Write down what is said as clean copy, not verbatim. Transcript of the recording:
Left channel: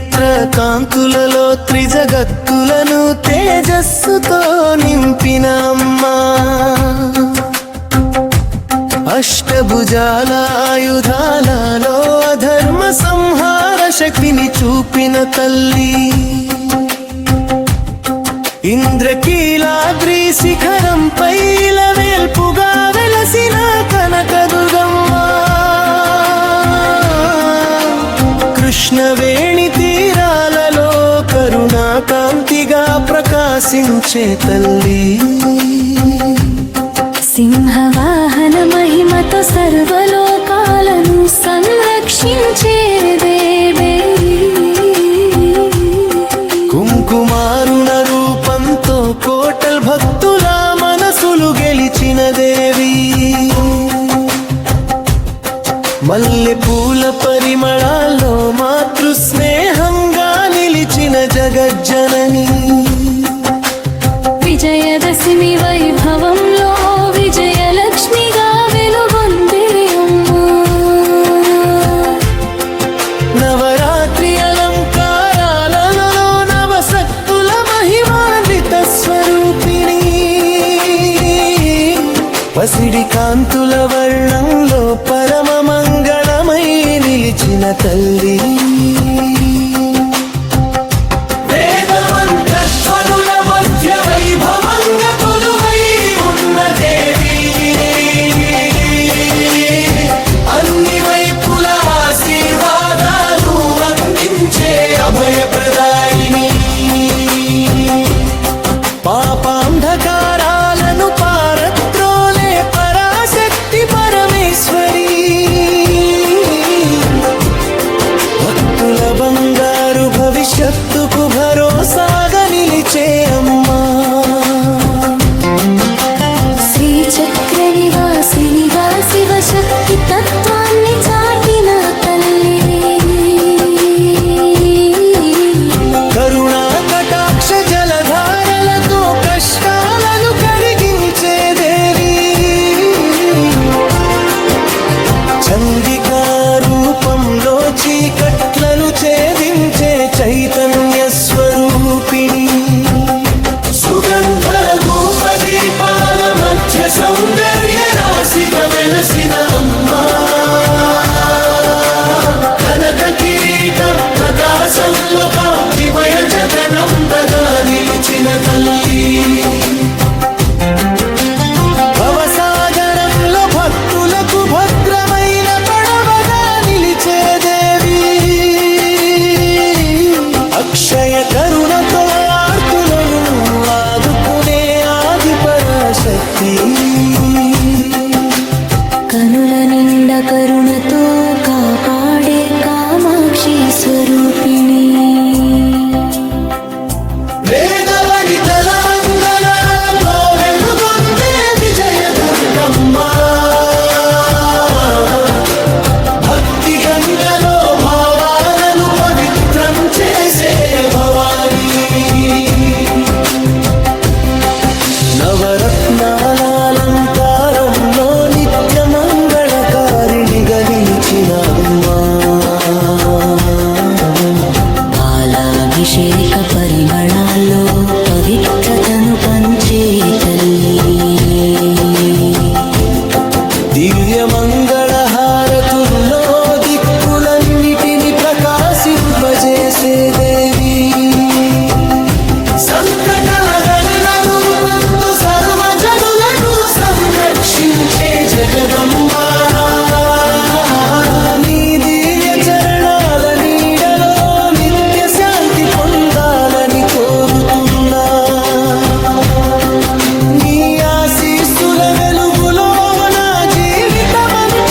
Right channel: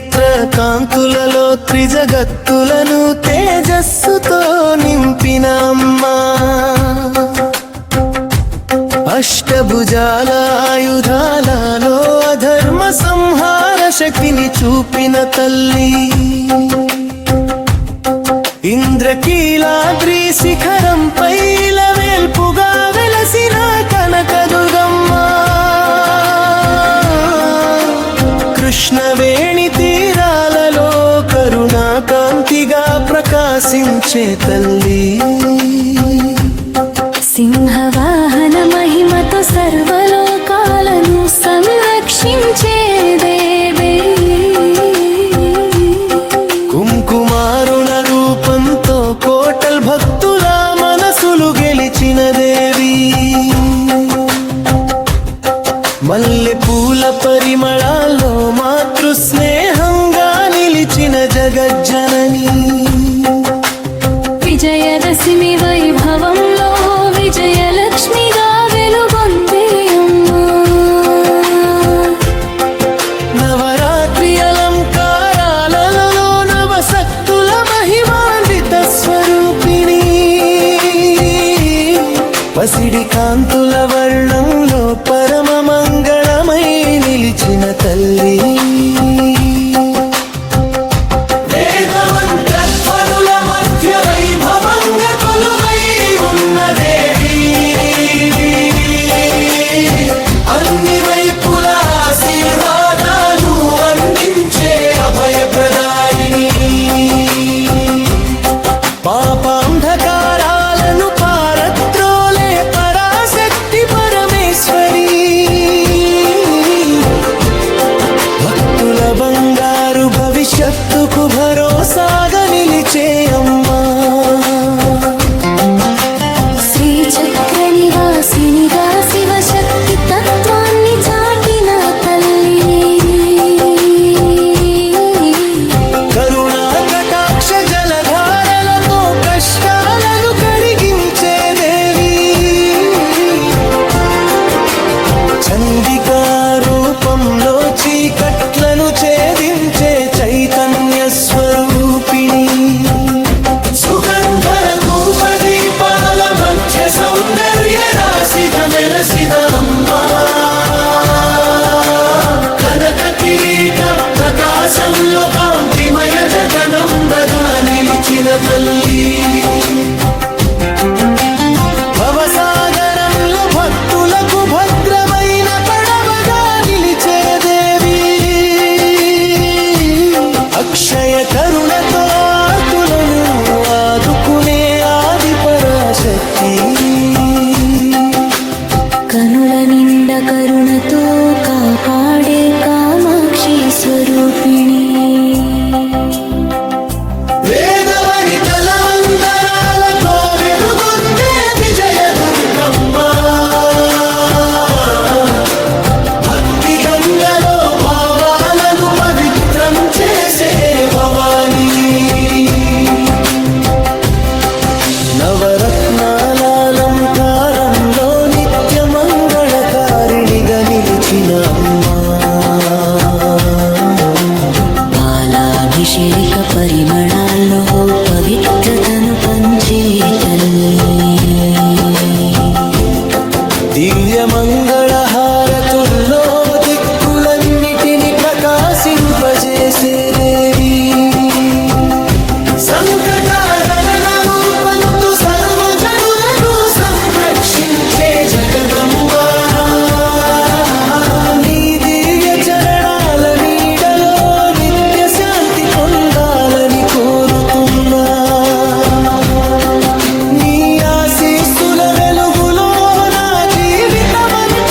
త్రినేత్ర కాంతులలో త్రిజగత్తులను తేజస్సుతో నింపిన అమ్మా అష్టభుజాల ఆయుధాలలో అధర్మ సంహార శక్తిని చూపిన తల్లి ఇంద్రకీలాద్రి శిఖరంపై ఇలవేల్పుగా వెలసిన కనకదుర్గమ్మ కృష్ణవేణి తీరాలలో కరుణాకాంతిగా ప్రకాశించే తల్లి సింహవాహన మహిమతో సర్వలోకాలను సంరక్షించే దేవే కుంకుమారుణ రూపంతో కోటల్ భక్తుల మనసులు గెలిచిన దేవి మల్లె పూల పరిమళాల్లో మాతృ స్నేహంగా నిలిచిన జగజ్జనని విజయదశమి వైభవంలో విజయలక్ష్మిగా వెలుగొందే అమ్మా నవరాత్రి అలంకారాలలో నవశక్తుల మహిమాన్విత స్వరూపిణి పసిడి కాంతుల వర్ణంలో పరమ మంగళమై నిలిచిన తల్లి పాపాంధకారాలను పారత్రోలే పరాశక్తి పరమేశ్వరి భక్తుల బంగారు భవిష్యత్తుకు భరోసాగా నిలిచే అమ్మా శ్రీచక్ర నివాసినిగా శివశక్తి తత్వాన్ని చాటిన తల్లి కరుణా కటాక్ష జలధారలతో కష్టాలను కరిగించే దేవి చండికా రూపంలో చీకట్లను ఛేదించే చైతన్య స్వరూపిణి సుగంధ రూప దీపాల మధ్య సౌందర్య రాశిగా వెలసిన అమ్మా కనక కిరీట ప్రకాశంలో కాంతిమయ జగనంబగా నిలిచిన తల్లి భవసాగరంలో భక్తులకు భద్రమైన పడవగా నిలిచే దేవి అక్షయ కరుణతో ఆర్తులను ఆదుకునే ఆది పరాశక్తి కనుల నిండ కరుణతో కాపాడే కామాక్షి స్వరూపిణి వేదవరితల వందనాలతో వెలుగొందే విజయ దుర్గమ్మ భక్తి గంగలో భావాలను పవిత్రం చేసే భవానీ నవరత్నాల అలంకారంలో నిత్య మంగళకారిణిగా నిలిచిన అమ్మా పాలాభిషేక పరిమళాల్లో పవిత్రతను పంచే తల్లి దివ్య మంగళ హారతుల్లో దిక్కులన్నిటిని ప్రకాశింపజేసే దేవి సంకటాహరణ రూపంతో సర్వజనులను సంరక్షించే జగదంబ నీ దివ్య చరణాల నీడలో నిత్య శాంతి పొందాలని కోరుతున్నా నీ ఆశీస్సుల వెలుగులో నా జీవితమంతా